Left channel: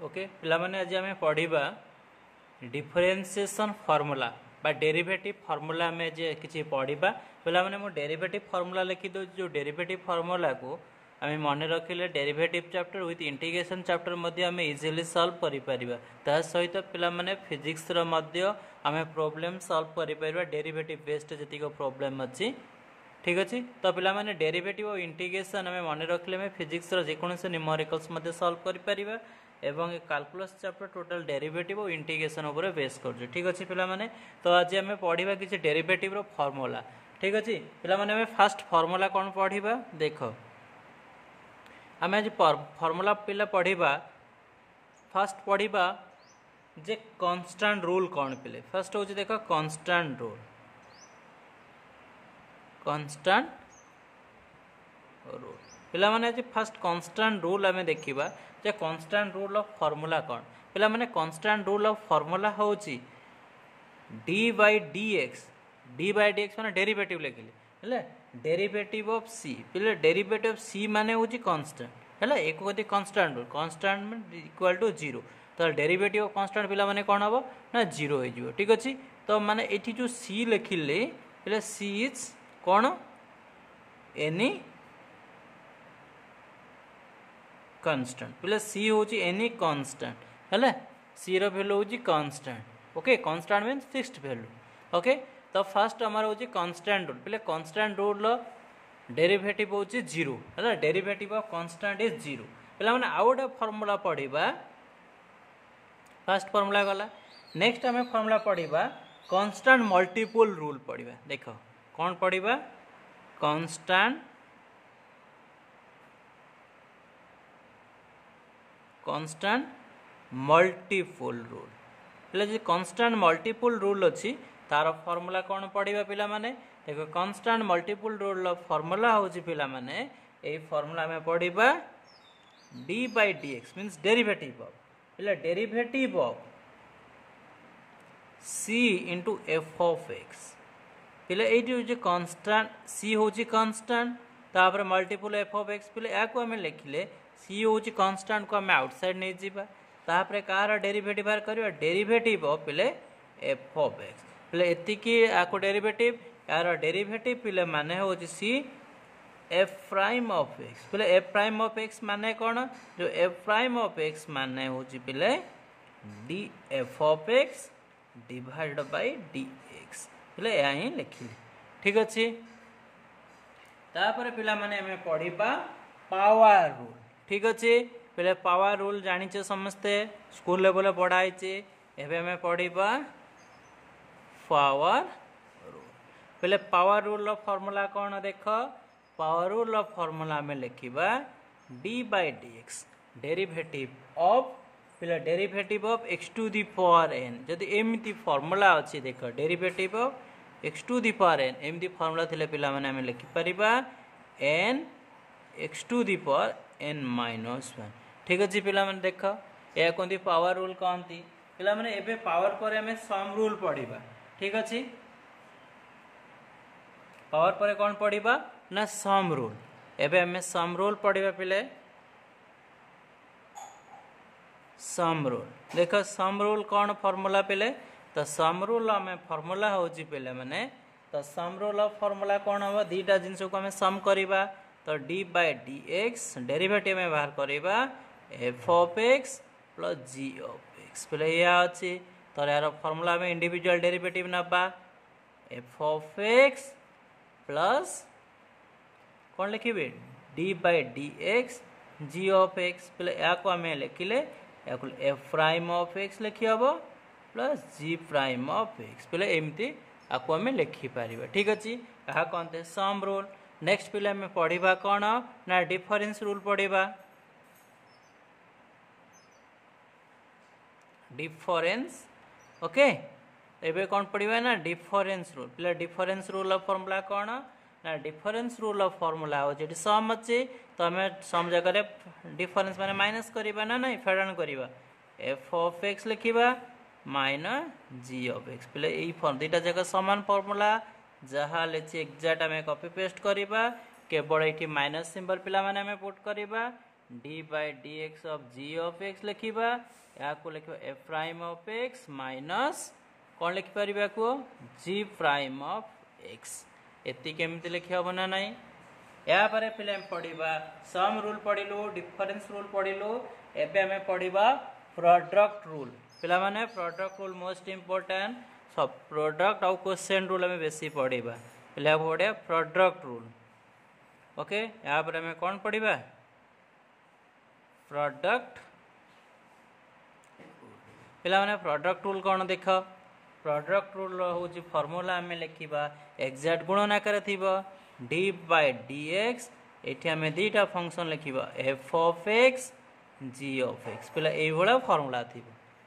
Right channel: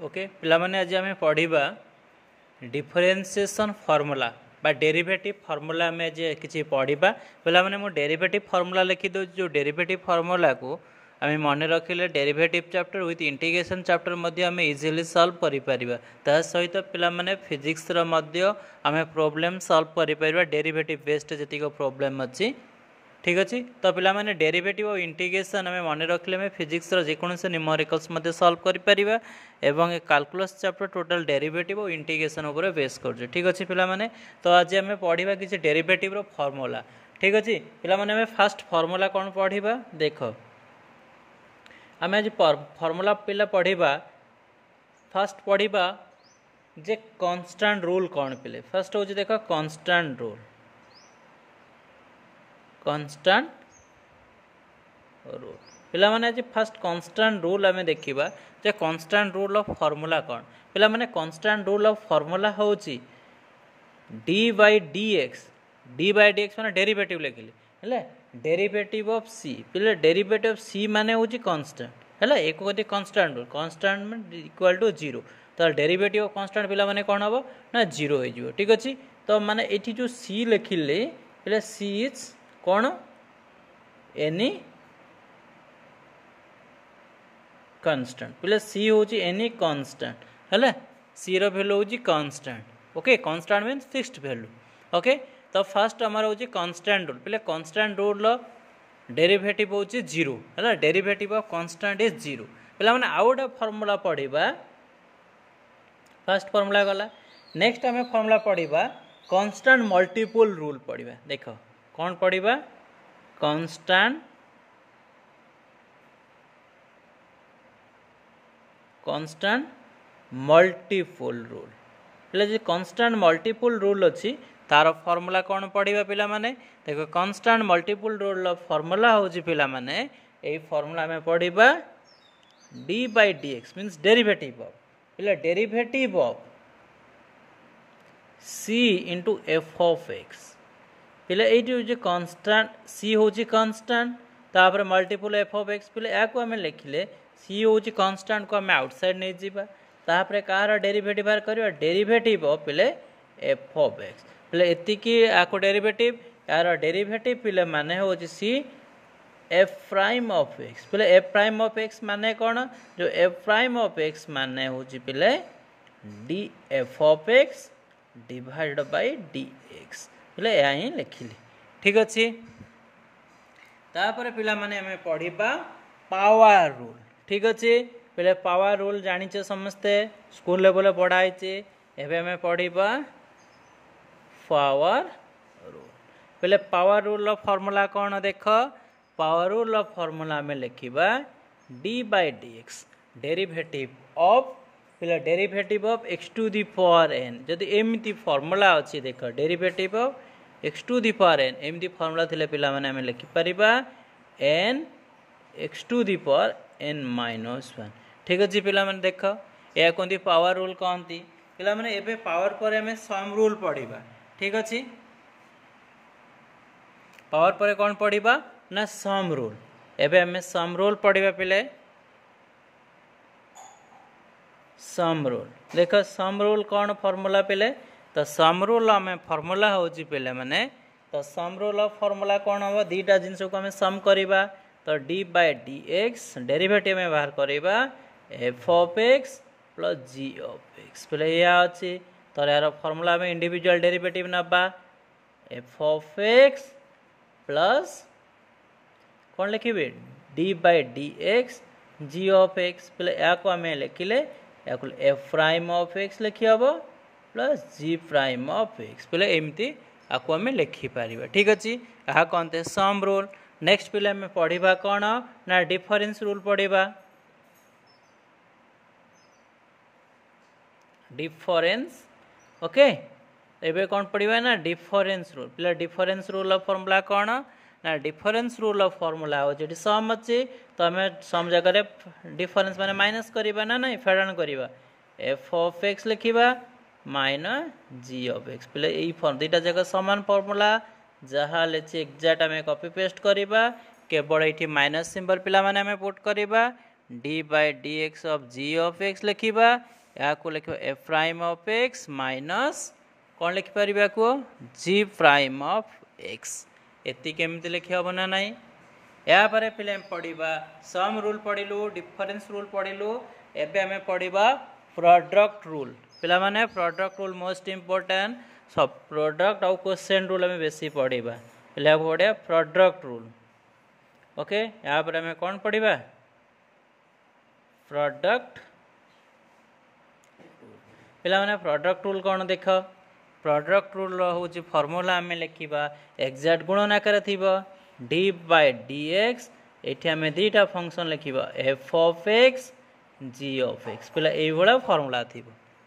Okay पिला माने आज आम पढ़ा डिफरेन्सिएसन फॉर्मूला बा डेरिवेटिव फॉर्मूला आम किसी पढ़ा पिला माने मु डेरिवेटिव फॉर्मूला लिखिद जो डेरिवेटिव फॉर्मूला को आम मन रखिले derivative chapter with integration chapter मध्य आम इजिली सॉल्व करिपरिबा ता सहित पिला माने फिजिक्स रो मध्य आम प्रॉब्लम सॉल्व करिपरिबा डेरिवेटिव बेस्ड जतिक प्रॉब्लम अच्छी ठीक अच्छे तो पिला माने डेरिवेटिव और इंटीग्रेशन आम मन रखिले आम फिजिक्स जेकोसी न्यूमेरिकल्स मध्य सॉल्व करिपरिबा एवं कैलकुलस चैप्टर टोटल डेरिवेटिव और इंटीग्रेशन उपर बेस कर ठीक अच्छे पिला माने तो आज आम पढ़ा किसी डेरिवेटिव रो फॉर्मूला ठीक अच्छे पिला माने आम फास्ट फॉर्मूला कौन पढ़ा देख आम आज फॉर्मूला पिला पढ़ा फास्ट पढ़ा जे कांस्टेंट रूल कौन पिले फर्स्ट हूँ देख कांस्टेंट रूल कांस्टेंट रूल पिला माने आज फास्ट कांस्टेंट रूल आम देखा जे कांस्टेंट रूल ऑफ फॉर्मूला कौन पिला माने कांस्टेंट रूल ऑफ फॉर्मूला होची डी बाय डी एक्स माने डेरिवेटिव लिखिले है डेरिवेटिव ऑफ सी पिले डेरिवेटिव ऑफ सी माने होची कांस्टेंट है एक कथी constant rule constant equal to zero तो डेरिवेटिव ऑफ कांस्टेंट पिला माने कौन हम ना जीरो हो ठीक अच्छे तो माने एठी जो सी लिखिले पिले सी इज कौन एनी कांस्टेंट पिले सी होची एनी कांस्टेंट है सी रो वैल्यू होची constant okay constant means fixed value okay तो फर्स्ट आमर होची कांस्टेंट रूल पिले कांस्टेंट रूल डेरिवेटिव होची जीरो है derivative of constant is zero पिला माने आउ गोटे फॉर्मूला पढ़ा फर्स्ट फॉर्मूला गला नेक्स्ट आम फॉर्मूला पढ़ा कांस्टेंट मल्टीपल रूल पढ़ा देख कौन पढ़ा कांस्टेंट मल्टीपल रूल पहले जो कांस्टेंट मल्टीपल रूल अच्छी तार फॉर्मूला कौन पढ़ा पिला माने देखो कांस्टेंट मल्टीपल रूल फॉर्मूला होची पिला माने ए फॉर्मूला में पढ़ा d by d x means derivative of पिला derivative of c into f of x पिला ये कांस्टेंट सी होची कांस्टेंट तापर मल्टीपल एफ ऑफ एक्स पिले या को आम लिखिले सी होची कांस्टेंट को आम आउटसाइड नहीं जीवा तापर कार डेरिवेटिव बाहर करवा डेरिवेटिव ऑफ पिले एफ ऑफ एक्स पिले एतिकी आको डेरिवेटिव यार डेरिवेटिव पिले माने होची सी एफ प्राइम ऑफ एक्स पिले एफ प्राइम ऑफ एक्स माने कौन जो एफ प्राइम ऑफ एक्स माने होची पिले D F of x divide by d x पिले या ही लिखिले ठीक अच्छे तापर पिला माने हमें पढ़ा पावर रूल ठीक अच्छे पहले पावर रूल जानिचे समस्ते स्कूल लेवल पढ़ाई एवं हमें पढ़ा पावर रूल पहले पावर रूल फॉर्मूला कौन देख पावर रूल फॉर्मूला में लिखा d by d x derivative of पहले derivative of x to the power n जदि एमती फॉर्मूला अच्छी देख derivative of x to the power n एमती फॉर्मूला थिले पिला माने हमें लिखिपर n x to the power n minus one ठीक अच्छे पिला माने देख या कहती पावर रूल कहती पिला माने एबे पावर पर हमें सम रूल पढ़ा ठीक अच्छे पावर पर कौन पढ़ा ना सम रूल एबे हमें सम रूल पढ़ा पिले सम रूल देख सम रूल कौन फॉर्मूला पिले तो सम रूल आम फॉर्मूला होची पिले माने तो सम रूल फॉर्मूला कौन हम दीटा जिनस को आम सम करवा तो d by d x derivative में बाहर करवा f of x plus g of x पहले या अच्छी तो यार फॉर्मूला में इंडिविजुअल डेरिवेटिव नबा एफ ऑफ एक्स प्लस कौन लिखे d by d x g of x पहले या को आम लिखिले एफ प्राइम ऑफ एक्स लिखी हम plus g prime of x पहले एमती आपको आम लिखिपर ठीक अच्छे यह कहते सम रूल नेक्स्ट पिले में पढ़ा कौन ना डिफरेंस रूल पढ़ा डिफरेंस ओके एबे कौन पढ़ा ना डिफरेंस रूल पिले डिफरेंस रूल ऑफ फॉर्मूला कौन ना डिफरेंस रूल ऑफ फॉर्मूला हो सम अच्छे तो आम सम जगह डिफरेंस माने माइनस करवा ना नहीं फेडाण करवा एफ ऑफ एक्स लिखा माइनस जी ऑफ एक्स पिले दुईटा जगह सामान फॉर्मूला जहाँ लेचे एक्जाक्ट आम कॉपी पेस्ट करवा केवल ये माइनस सिंबल पिला माने आम पुट करवा d by d x of g of x लिखा या लिख f prime of x minus कौन लिखिपर या जी प्राइम अफ एक्स एति केमती लिखी हम ना नाई यापर पे पढ़ा सम रूल पढ़लु डिफरेंस रूल पढ़लु एबे आम पढ़ा प्रोडक्ट रूल पिला माने प्रोडक्ट रूल मोस्ट इंपोर्टेंट सब प्रोडक्ट आउ क्वेश्चन रूल आम बेसी पढ़ा पिला पढ़ा प्रोडक्ट रूल ओके यापर आम कौन पढ़ा प्रोडक्ट पिला माने प्रोडक्ट रूल कौन देख प्रोडक्ट रूल हूँ फर्मूला आम लिखा एक्जाक्ट गुणन आकार थी डी बाय डी एक्स ये आम दुईटा फंक्शन लिखा f of x g of x पिला ये फर्मूला थी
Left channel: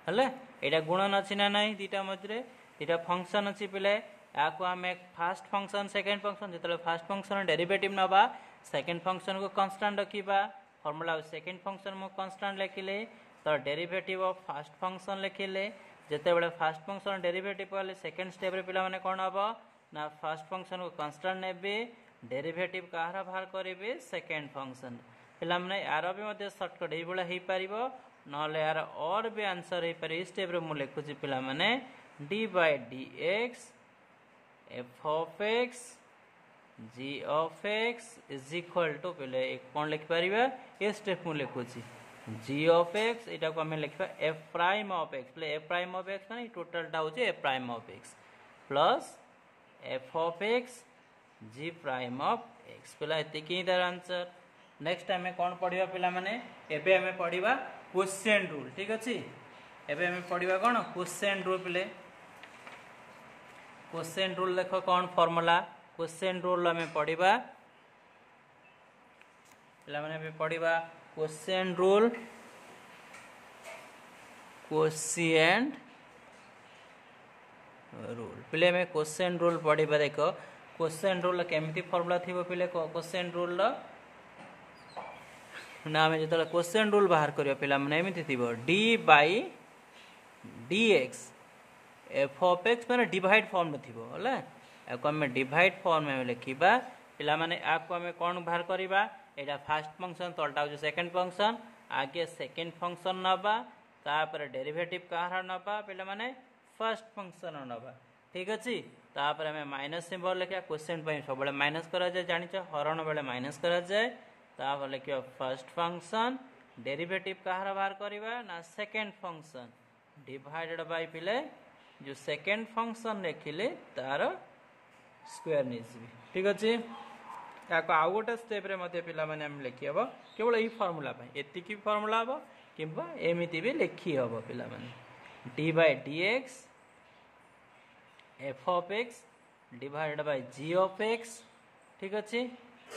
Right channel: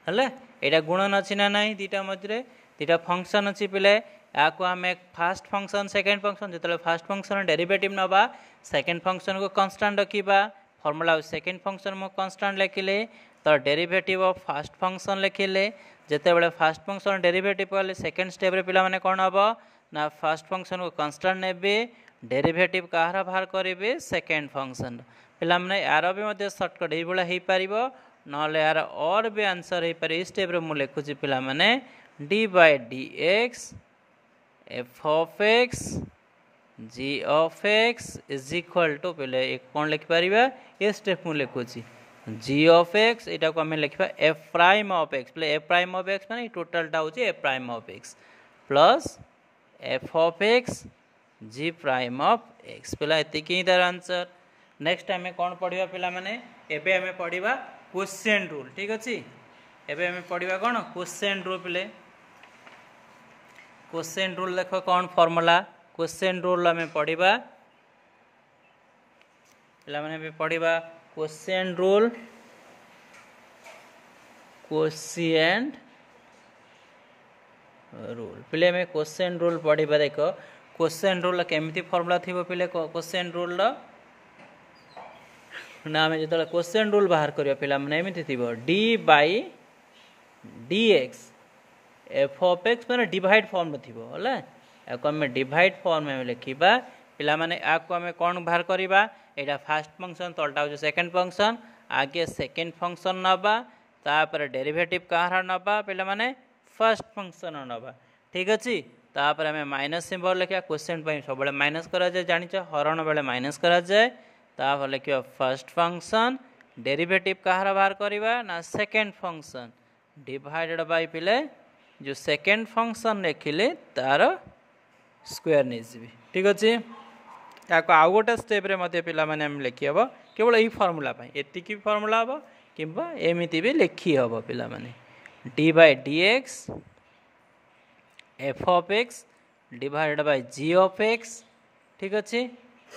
है यहाँ गुणन अच्छी ना ना दुईटा मझे दुईटा फंक्शन अच्छी पिले या आम फास्ट फंक्शन सेकेंड फंक्शन जो फास्ट फंक्शन डेरिवेटिव नवा सेकेंड फंक्शन को कांस्टेंट रखा फर्मूला सेकेंड फंक्शन मु कांस्टेंट लिखिले तो डेरिवेटिव ऑफ फास्ट फंक्शन लिखिले जिते फास्ट फंक्शन डेरिवेटिव कले सेकेंड स्टेप रे पिला माने कौन हम ना फास्ट फंक्शन को कांस्टेंट ने डेरिवेटिव कहार बाहर करेंगे सेकेंड फंक्शन पिला माने यार भी सर्टकट ये हो पार ना यार और भी आंसर हो पारे स्टेप रे मु लिखुची पिला माने d by d x f of x g of x is equal to पहले कौन लिखिपर ये स्टेप मु लिखुची जी ऑफ एक्स यहाँ को आम लिखा एफ प्राइम ऑफ एक्स प्ले एफ प्राइम ऑफ एक्स मैंने टोटालटा हूँ f prime of x plus f of x g prime of x पिला एतिक ही तार आंसर नेक्स्ट आम कौन पढ़ा पिला माने एबे आम पढ़ा क्वेश्चन रूल ठीक अच्छे एबे आम पढ़ा कौन क्वेश्चन रूल पिले क्वेश्चन रूल देख कौन फॉर्मूला क्वेश्चन रूल आम पढ़ा पिला माने पढ़ा क्वेश्चन रूल क्वेश्चन रूल पिले में क्वेश्चन रूल पढ़ा देख क्वेश्चन रूल केमती फॉर्मूला थी पिले क्वेश्चन रूल ना आम जो क्वेश्चन रूल बाहर करिया पिला माने एमती थी D by D x f of x माने डिवाइड फॉर्म थी है आम डिवाइड फॉर्म में लिखा पिला माने आको आम कौन बाहर करवा यहाँ फास्ट फंक्शन तलटा हो सेकेंड फंक्शन आगे सेकेंड फंक्शन नवा तापर डेरिवेटिव कहार नवा पिला माने फर्स्ट फंक्शन नवा ठीक अच्छे तापर आम माइनस सिंबल लिखा क्वेश्चन सब माइनस करा जाए जानिच हरण बेले माइनस करा जाए तापर लिखा फर्स्ट फंक्शन डेरिवेटिव कहार बाहर करवा ना सेकेंड फंक्शन डिवाइडेड बाय पिले जो सेकेंड फंक्शन लिखिले तार स्क्वायर नहीं जी ठीक अच्छे या आउ गोटे स्टेप रे मध्य पिला माने हम लिखी हम केवल यही फॉर्मूला एतिकी फॉर्मूला हम कि एमती भी लिखी हम पिला माने d by d x f of x divided by g of x ठीक अच्छे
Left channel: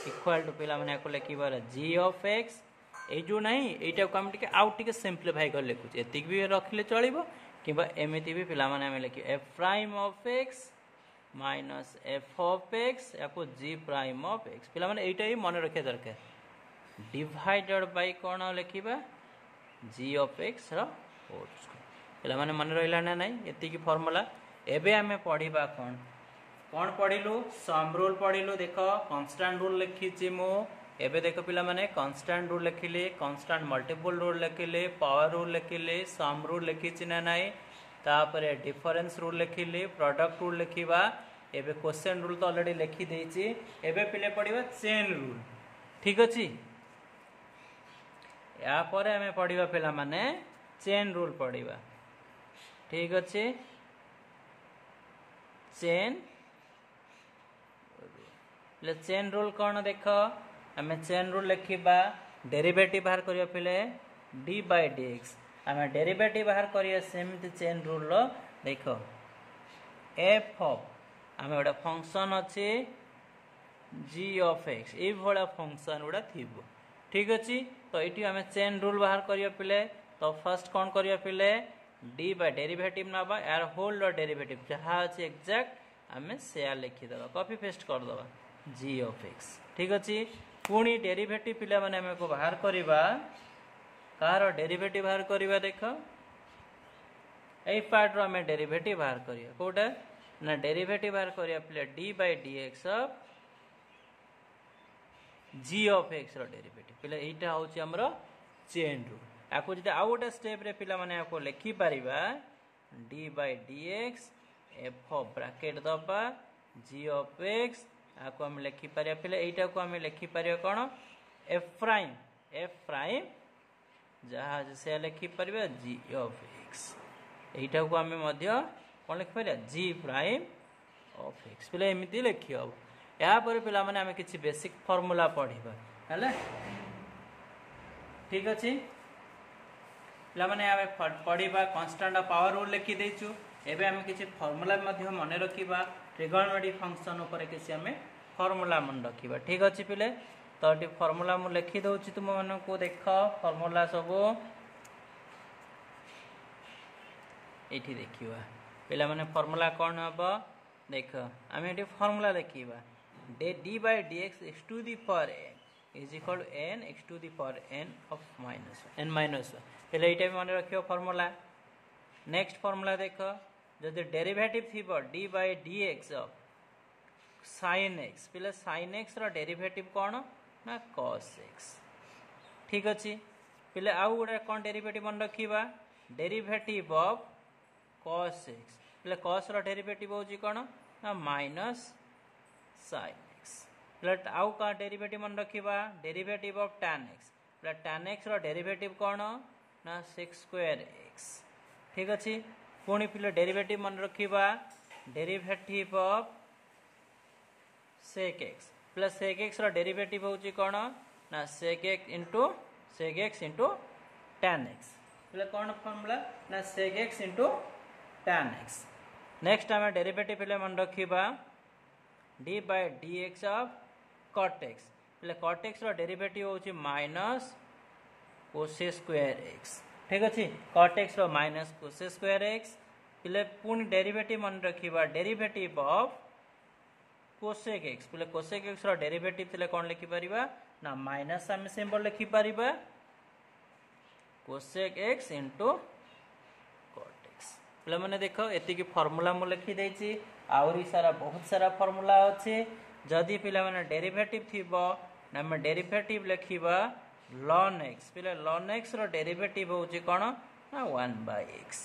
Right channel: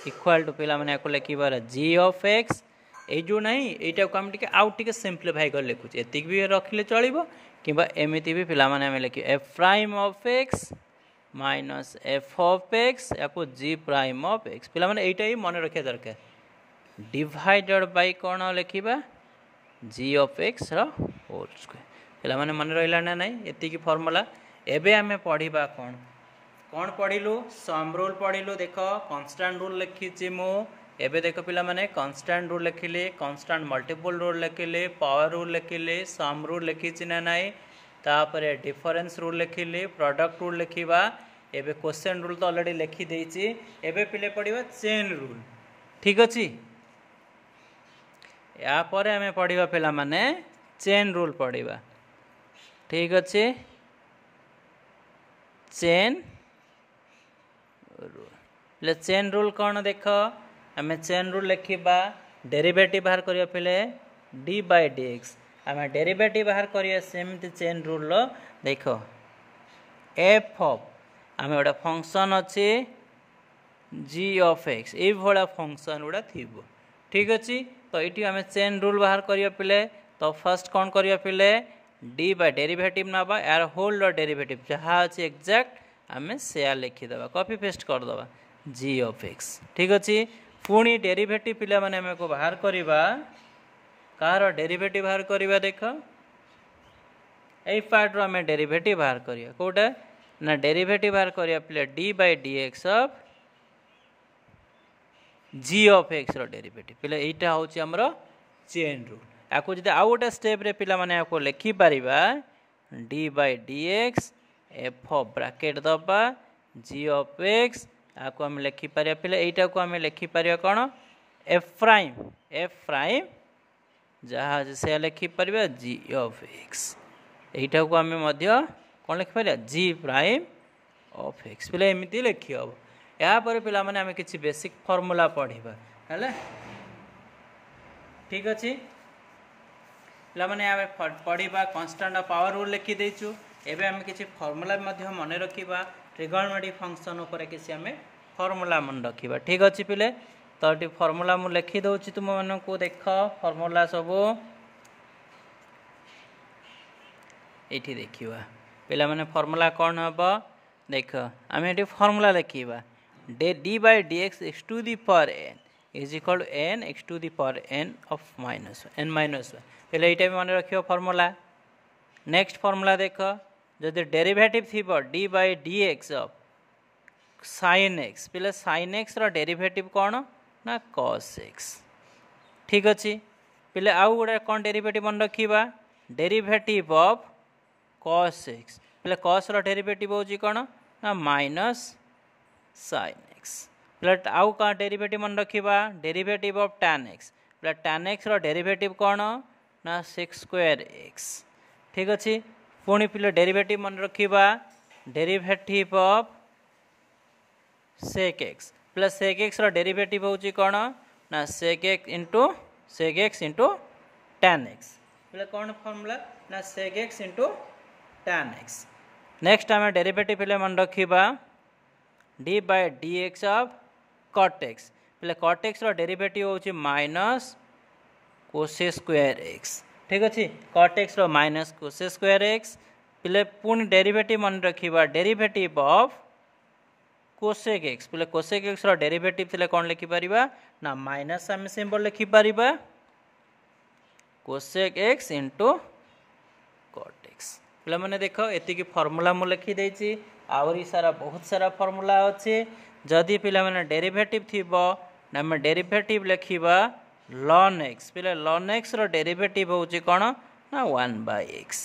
इक्वाल टू पिला माने को लिखिबार जी ऑफ एक्स ये जो नहीं यहाँ को आम टे आउ टे सिंप्लीफाई कर लिखुचे एतिक भी रखिले चलो कि एमती भी पिला माने लिखे F prime of x minus F of x या जी प्राइम ऑफ एक्स पिला माने एटा ही मन रखा दरकार डिवाइडेड बाय कौन लिखा जी ऑफ एक्स होल स्क्वायर पिला माने मन रहा ना नहीं एतिकी फॉर्मूला एबे आमे पढ़ा कौन कौन पढ़िलु सम रूल पढ़िलु देख कांस्टेंट रूल लिखी मु एबे देख पिला माने कांस्टेंट रूल लिखिले कांस्टेंट मल्टीपल रूल लिखिले पावर रूल लिखिले सम रूल लिखी ना नहीं तापर डिफरेंस रूल लिखिले प्रोडक्ट रूल लिखा एबे क्वेश्चन रूल तो ऑलरेडी लिखी देछि एबे पिले पढ़िबा चेन रूल ठीक अछि या परे हमें पढ़िबा पिला माने चेन रूल पढ़िबा ठीक अछि चेन रूल चेन रूल कौन देख हमें चेन रूल लिखा डेरिवेटिव बाहर करिया पिले डी बाय डी एक्स आम डेरिवेटिव बाहर करिया सेमती चेन रूल देख एफ ऑफ आम गोटे फंक्शन अच्छे जी ऑफ एक्स ये भाया फंक्शन गुड़ा थी ठीक अच्छे तो ये आम चेन रूल बाहर करिया पिले तो फर्स्ट कौन करिया पिले डी बाय डेरिवेटिव नवा यार होल डेरिवेटिव जहाँ अच्छे एक्जाक्ट आम से लिखिदे कॉपी पेस्ट करदे जी ऑफ एक्स ठीक अच्छे पुणी डेरिवेटिव पिला माने आम को बाहर करवा कार डेरिवेटिव बाहर करवा देख यही पार्ट आम डेरिवेटिव बाहर करिया कोटा ना डेरिवेटिव बाहर करिया पिले d by d x of g of x derivative पिला एटा होची हमरो चेन रूल याको जदि आउ गोटे स्टेप रे पिला माने याको लिखि परिबा d by d x f of bracket दबा जी ऑफ एक्स याको हम लिखि परिया पिला एटा को हम लिखि परिया कोन एफ प्राइम जहाँ से लिखि परिया जी ऑफ एक्स एटा को हम मध्य कोन लिखि परिया जी प्राइम ऑफ एक्स पिला एमिति लिखि हबो या पर पिला माने हम किछि बेसिक फार्मूला पढिबा हले ठीक अछि पिला माने हम पढिबा कांस्टेंट ऑफ पावर रूल लिखि देछु एबे हम किछि फार्मूला मध्य मने रखिबा ट्रिगोनोमेट्रिक फंक्शन ऊपर किछि हम फार्मूला मन रखिबा ठीक अछि पिले तो टी फार्मूला मु लिखि दउछि तुम मन को देख फार्मूला सब एठी देखिबा पिला माने फार्मूला कोन हबो देख हम एठी फार्मूला लिखिबा d by dx x to the power n is equal to n x to the power n of minus 1 पहले एटा भी मन रखियो फार्मूला नेक्स्ट फार्मूला देख जदि डेरिवेटिव थिबो d by dx of sin x पहले sin x रो derivative कोन ना cos x ठीक अछि पहले आउ गोटे कोन डेरिवेटिव मन रखिबा डेरिवेटिव ऑफ cos x पहले cos रो डेरिवेटिव होची कोन ना माइनस sin x प्लस आउ का डेरिवेटिव मन रखिबा derivative of tan x plus tan x रो डेरिवेटिव कोन ना sec square x ठीक अछि पुणी पिले डेरिवेटिव मन रखिबा derivative of sec x plus sec x रो डेरिवेटिव होची कोन ना sec x into tan x plus कोन फार्मूला ना sec x into tan x next हम डेरिवेटिव पिले मन रखिबा d by dx of cot x पहले cot x रो डेरिवेटिव होची माइनस cos square x ठीक अछि cot x रो माइनस cos square x पहले पुणी डेरिवेटिव मन रखिबा डेरिवेटिव ऑफ cosec x पहले cosec x रो डेरिवेटिव थिले कोन लिखि परिबा ना माइनस हम सिंबल लिखि परिबा cosec x into cot x पहले माने देखो एति की फार्मूला मु लिखि देछि आवरी सारा बहुत सारा फार्मूला अछि जदि पिला माने डेरिवेटिव थिबो ना हम डेरिवेटिव लिखिबा ln x पहले ln x रो डेरिवेटिव होची कोन ना 1 by x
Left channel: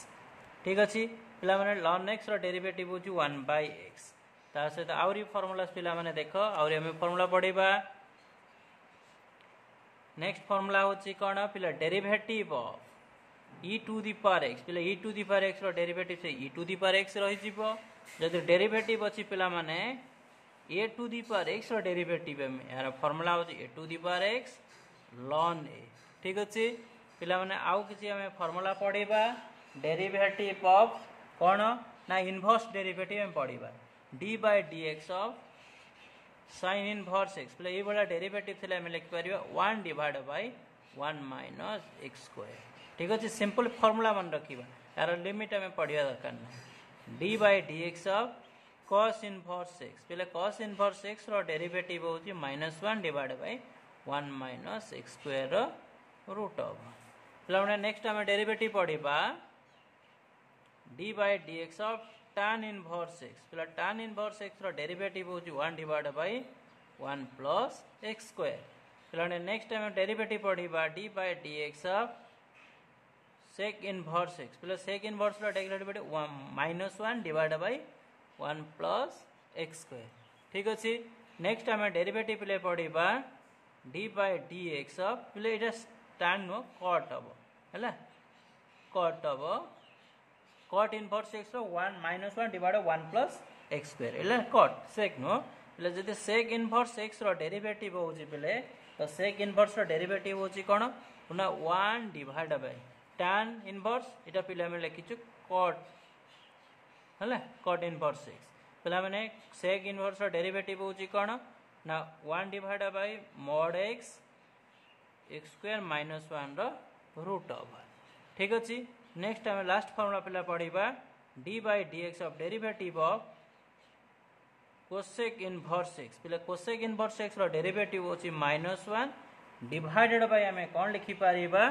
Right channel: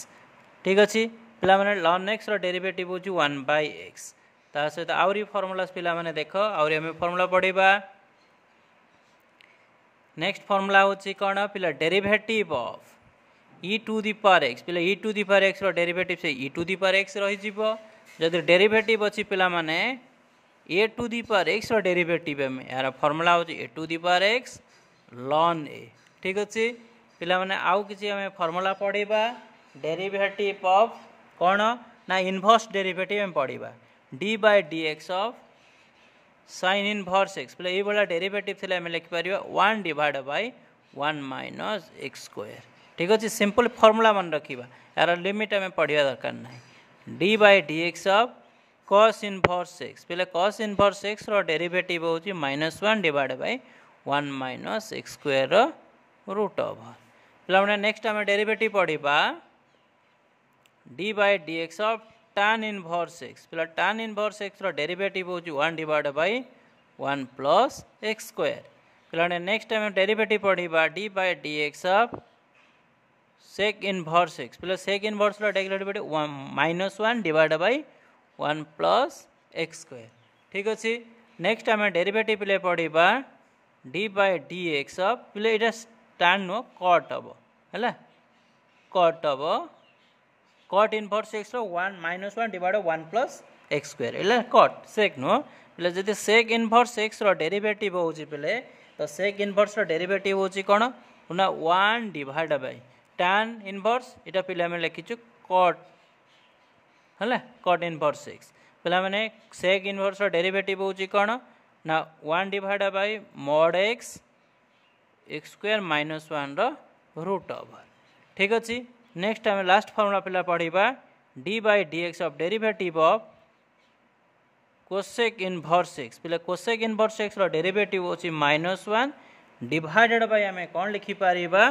ठीक अछि पिला माने ln x रो डेरिवेटिव होची 1 by x ता सहित आवरी फार्मूलास पिला माने देखो आवरी हम फार्मूला पढिबा नेक्स्ट फार्मूला होची कोन पिला derivative of e to the power x पिला e to the power x रो डेरिवेटिव से e to the power x रहि जिवो जदि डेरिवेटिव अछि पिला माने a to the power x रो डेरिवेटिव में यार फार्मूला होची a to the power x ln a ठीक अछि पिला माने आउ किछि हम फार्मूला पढिबा डेरिवेटिव ऑफ कोन ना इनवर्स डेरिवेटिव में पढिबा d by dx of sin inverse x पहले ए वाला डेरिवेटिव थिले हम लिखि परिबा 1 divided by 1 minus x square ठीक अछि सिंपल फार्मूला मन रखिबा यार लिमिट हमें पढिया दरकार नै d by dx of cos inverse x पहले cos inverse x रो डेरिवेटिव होची -1 divided by 1 minus x square root over पहले हमने नेक्स्ट हम derivative पढिबा d by dx of tan inverse x पहले tan inverse x रो डेरिवेटिव होची 1 divided by 1 plus x square पहले नेक्स्ट हम derivative पढिबा d by dx of sec inverse x पहले sec inverse रो derivative -1 divided by 1 plus x square ठीक अछि next हम डेरिवेटिव पहले पढिबा d by dx of पहले एटा tan नो cot हबो हैला cot हबो cot inverse x row 1 -1 divided by 1 plus x square हैला cot sec नो पहले जदि sec inverse x रो डेरिवेटिव होची पहले तो sec inverse रो डेरिवेटिव होची कोन ना 1 divided by tan inverse एटा पहले हम लिखिछु cot हैला cot inverse x पहले माने sec inverse रो डेरिवेटिव होची कोन ना 1 divided by mod x x square minus 1 row root over ठीक अछि नेक्स्ट हम लास्ट फार्मूला पहला पढिबा d by dx of derivative of cosec inverse x पहले cosec inverse x रो डेरिवेटिव होची -1 डिवाइडेड बाय हमें कोन लिखि Paribas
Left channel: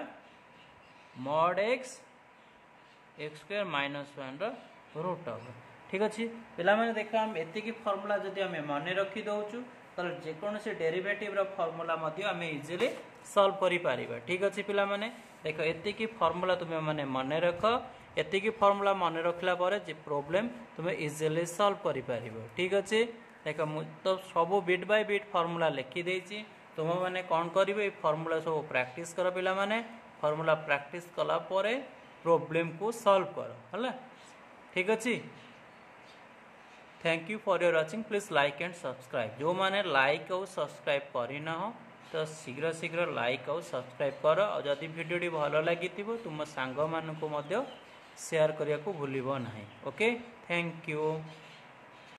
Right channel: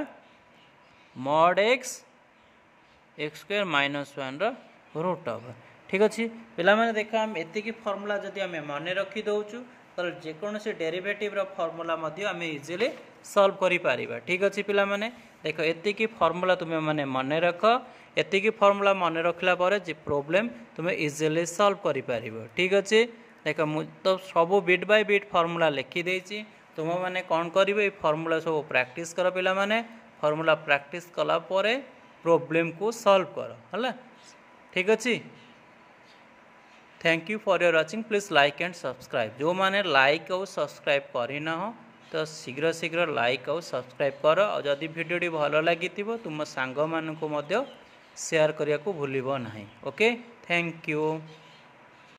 mod x x square minus 1 रो root over ठीक अछि पिला माने देखा हम एति की फार्मूला जदी हमें माने रखि दउछु तो जेकोसी डेरिवेटिव फॉर्मूला आम इजिली सॉल्व करि पारिबा। ठीक अच्छे पिला माने देख एतिकी फॉर्मूला तुम्हें माने मन रख, एतिकी फॉर्मूला मन रखला पर जे प्रॉब्लम तुम्हें इजिली सॉल्व करि पारिबो। ठीक अच्छे देख मु तो सब बिट बाय बिट फॉर्मूला लिखि देछि, तुम मैंने कौन करिवे फॉर्मूला सब प्रैक्टिस कर पिला माने, फॉर्मूला प्रैक्टिस कला परे प्रॉब्लम को सॉल्व कर हला। ठीक अच्छे thank you for your watching, please like and subscribe. जो माने लाइक और सब्सक्राइब करना हो तो शीघ्र शीघ्र लाइक और सब्सक्राइब कर, और जदि वीडियो भल लगी तुम सांग मानू शेयर करने को भूलिबो नहीं। Okay thank you.